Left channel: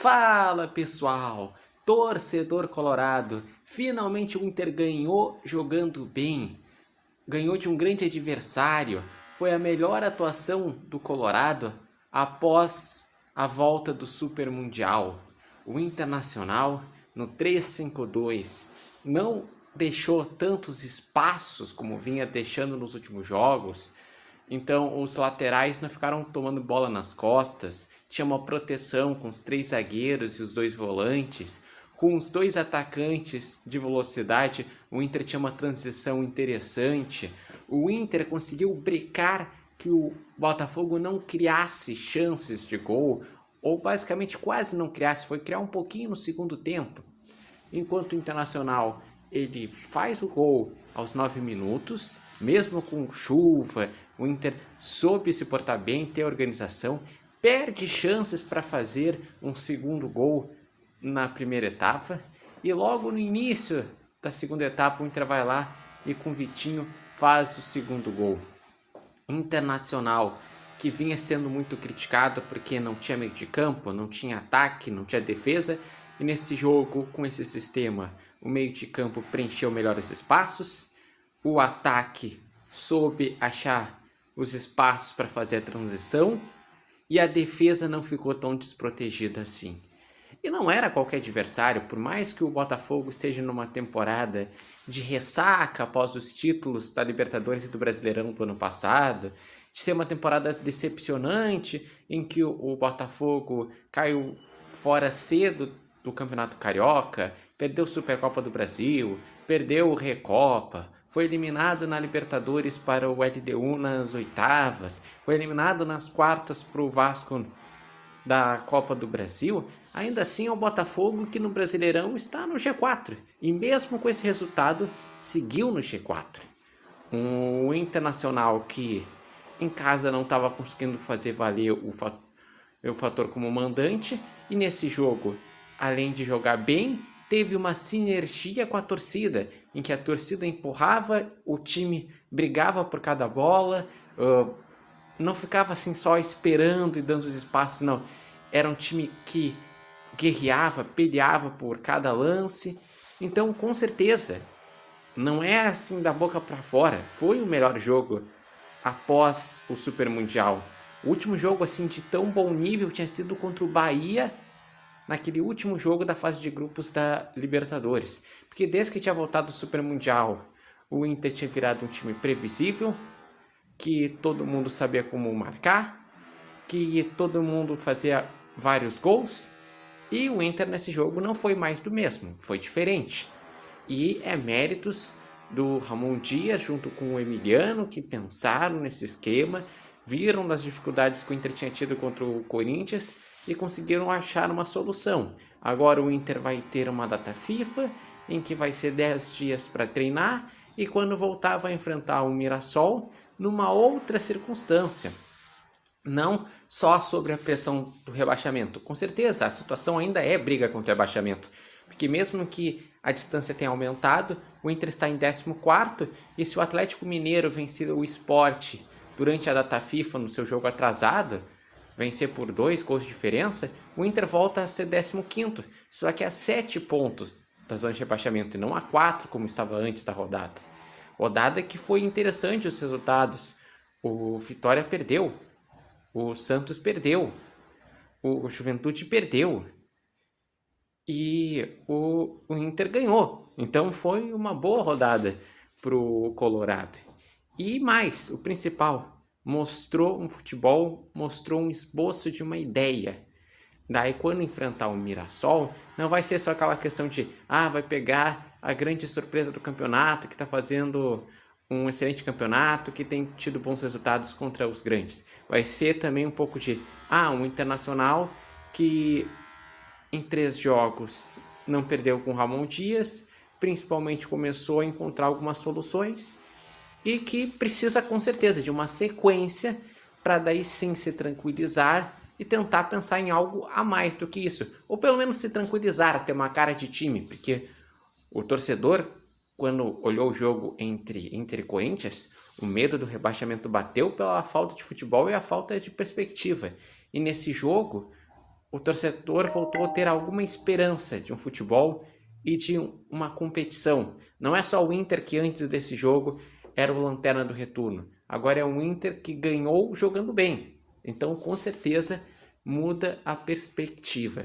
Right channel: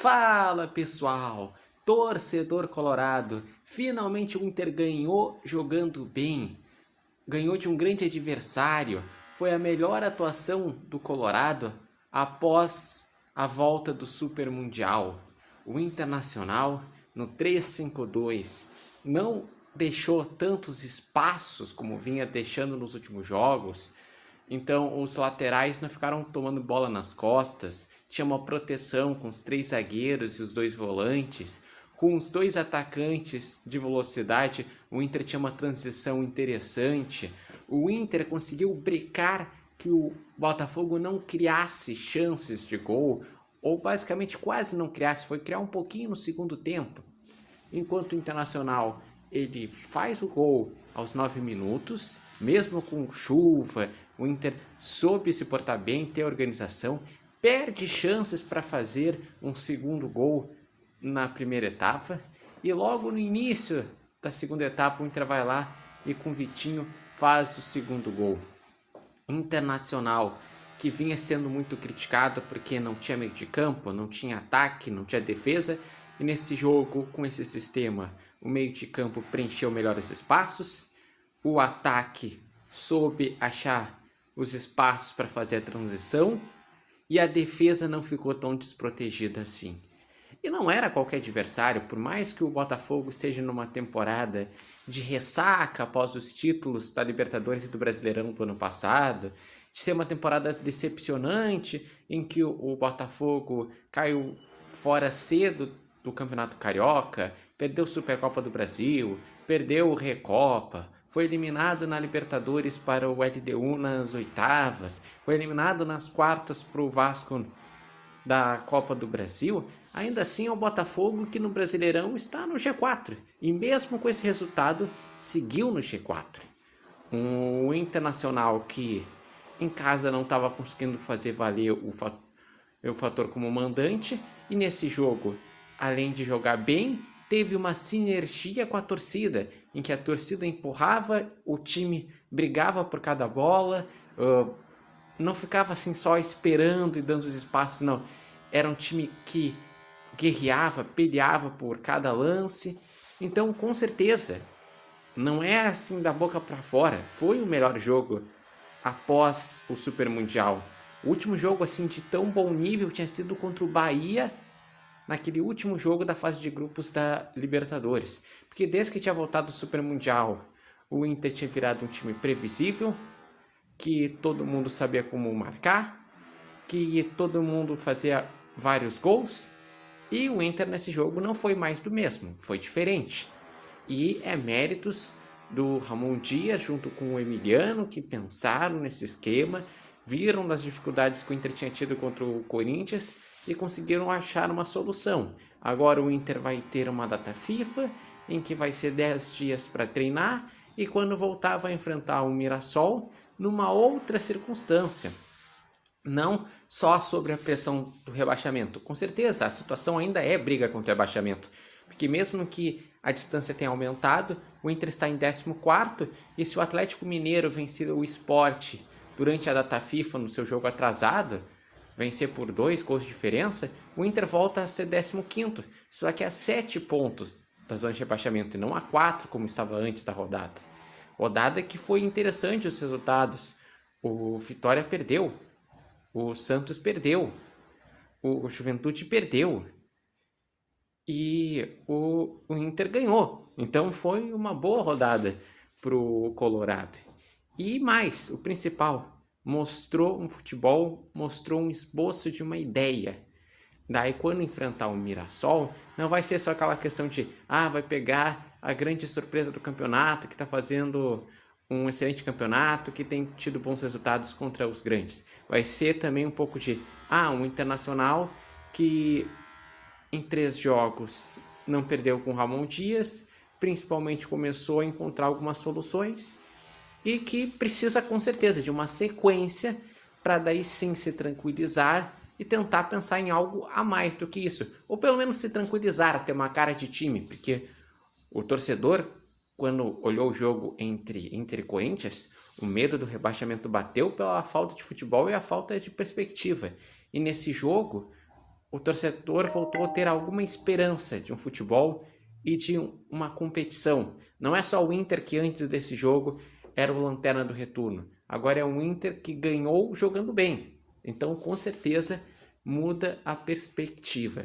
Fala pessoal, torcedor colorado, finalmente o Inter ganhou jogando bem, ganhou de um grande adversário, foi a melhor atuação do Colorado após a volta do Super Mundial. O Internacional no 3-5-2 não deixou tantos espaços como vinha deixando nos últimos jogos. Então os laterais não ficaram tomando bola nas costas, tinha uma proteção com os 3 zagueiros e os 2 volantes, com os 2 atacantes de velocidade, o Inter tinha uma transição interessante, o Inter conseguiu brecar que o Botafogo não criasse chances de gol, ou basicamente quase não criasse, foi criar um pouquinho no segundo tempo, enquanto o Internacional ele faz o gol aos 9 minutos, mesmo com chuva, o Inter soube se portar bem, ter organização, perde chances para fazer um segundo gol na primeira etapa, e logo no início da segunda etapa o Inter vai lá e com o Vitinho faz o segundo gol. Internacional, que vinha sendo muito criticado porque não tinha meio de campo, não tinha ataque, não tinha defesa, e nesse jogo, com esse sistema, o meio de campo preencheu melhor os espaços, o ataque soube achar os espaços para fazer a transição e a defesa não ficou tão desprotegida assim. E não era qualquer adversário, por mais que o Botafogo esteja numa temporada de ressaca após os títulos da Libertadores e do Brasileirão do ano passado, de ser uma temporada decepcionante em que o Botafogo caiu fora cedo do Campeonato Carioca, perdeu a Supercopa do Brasil, perdeu o Recopa, foi eliminado na Libertadores para o LDU nas oitavas, foi eliminado nas quartas para o Vasco da Copa do Brasil. Ainda assim é o Botafogo que no Brasileirão está no G4 e mesmo com esse resultado seguiu no G4. O Internacional que em casa não estava conseguindo fazer valer o fator como mandante e nesse jogo, além de jogar bem, teve uma sinergia com a torcida, em que a torcida empurrava, o time brigava por cada bola, não ficava assim só esperando e dando os espaços, não. Era um time que guerreava, peleava por cada lance. Então, com certeza, não é assim da boca para fora. Foi o melhor jogo após o Super Mundial. O último jogo assim de tão bom nível tinha sido contra o Bahia, naquele último jogo da fase de grupos da Libertadores. Porque desde que tinha voltado do Super Mundial, o Inter tinha virado um time previsível, que todo mundo sabia como marcar, que todo mundo fazia vários gols, e o Inter nesse jogo não foi mais do mesmo, foi diferente. E é méritos do Ramon Dias junto com o Emiliano, que pensaram nesse esquema, viram das dificuldades que o Inter tinha tido contra o Corinthians e conseguiram achar uma solução. Agora o Inter vai ter uma data FIFA, em que vai ser 10 dias para treinar, e quando voltar vai enfrentar o Mirassol numa outra circunstância. Não só sobre a pressão do rebaixamento. Com certeza, a situação ainda é briga contra o rebaixamento. Porque mesmo que a distância tenha aumentado, o Inter está em 14º, e se o Atlético Mineiro vencer o Sport durante a data FIFA no seu jogo atrasado, vencer por 2 gols de diferença, o Inter volta a ser 15º, só que a 7 pontos da zona de rebaixamento, e não a 4 como estava antes da rodada. Rodada que foi interessante os resultados. O Vitória perdeu, o Santos perdeu, o Juventude perdeu e o Inter ganhou. Então foi uma boa rodada para o Colorado. E mais, o principal, mostrou um futebol, mostrou um esboço de uma ideia. Daí quando enfrentar o Mirassol, não vai ser só aquela questão de vai pegar a grande surpresa do campeonato, que está fazendo um excelente campeonato, que tem tido bons resultados contra os grandes. Vai ser também um pouco de um Internacional que em 3 jogos não perdeu com o Ramon Dias, principalmente começou a encontrar algumas soluções e que precisa com certeza de uma sequência para daí sim se tranquilizar e tentar pensar em algo a mais do que isso, ou pelo menos se tranquilizar, ter uma cara de time, porque o torcedor, quando olhou o jogo entre Inter e Corinthians, o medo do rebaixamento bateu pela falta de futebol e a falta de perspectiva. E nesse jogo, o torcedor voltou a ter alguma esperança de um futebol e de uma competição. Não é só o Inter que antes desse jogo era o lanterna do retorno. Agora é um Inter que ganhou jogando bem. Então, com certeza, muda a perspectiva.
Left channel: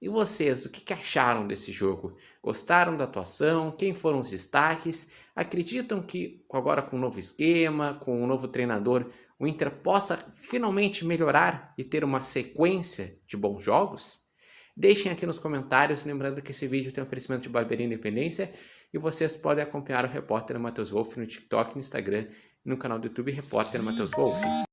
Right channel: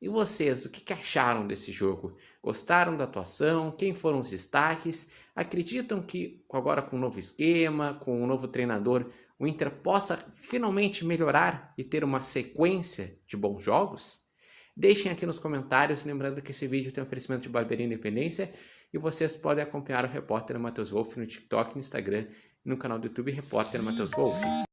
E vocês, o que acharam desse jogo? Gostaram da atuação? Quem foram os destaques? Acreditam que agora com um novo esquema, com um novo treinador, o Inter possa finalmente melhorar e ter uma sequência de bons jogos? Deixem aqui nos comentários, lembrando que esse vídeo tem oferecimento de Barbearia Independência e vocês podem acompanhar o Repórter Matheus Wolff no TikTok, no Instagram e no canal do YouTube Repórter Matheus Wolff.